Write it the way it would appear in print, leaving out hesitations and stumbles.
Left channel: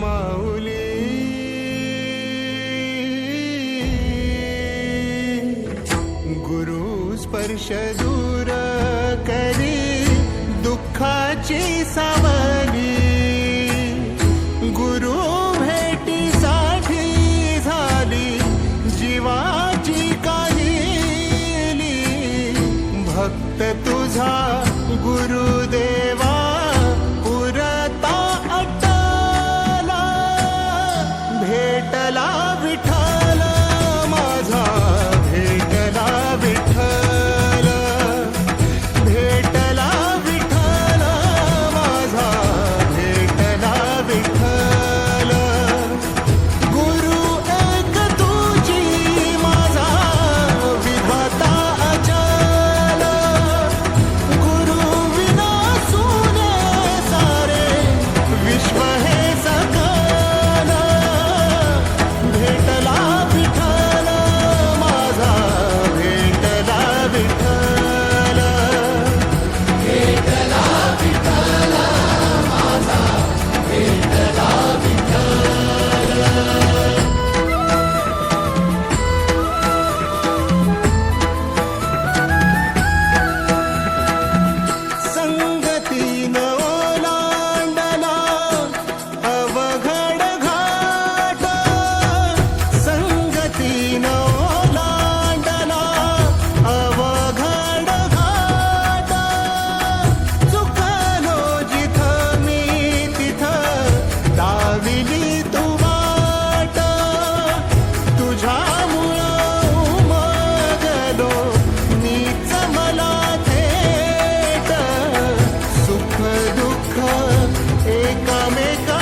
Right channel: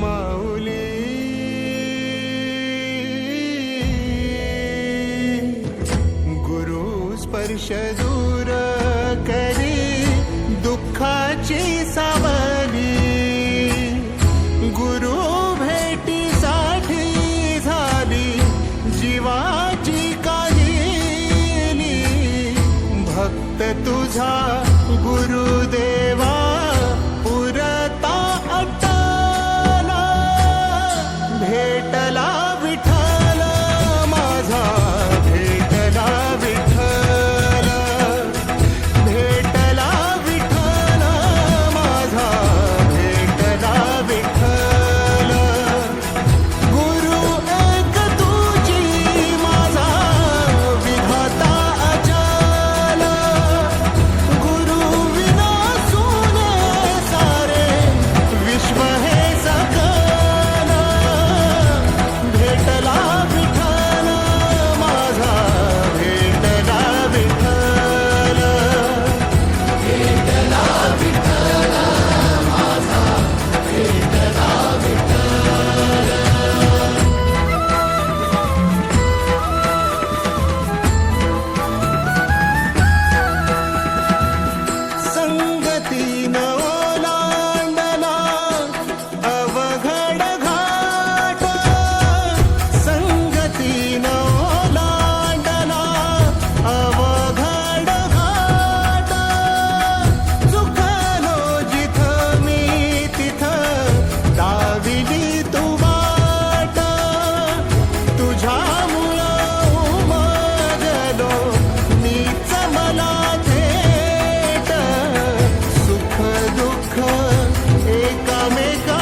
माऊली गुरु स्पर्श दूर करी दुःखाची सावली गुरु भेटीसाठी झाली जीवाची काहिली भक्त तुझा गुरुदेवा पुरता भेटला विठ्ठल माझा भेटला विठ्ठल भेटला विठ्ठल माझा भेटला विठ्ठल गुरु एक तुझी माझा विधाता अचल गुरु विना सुने सारे विश्व हे सकल भेटला विठ्ठल माझा भेटला विठ्ठल भेटला विठ्ठल माझा भेटला विठ्ठल संगतीन ओलांडला अवघड ओलांडला अवघड घाट चुकलो जिथं मी तिथं दाविली तू वाट तुझ्यामुळं उमगलो मीच मला थेट सुख दुःख एकामेका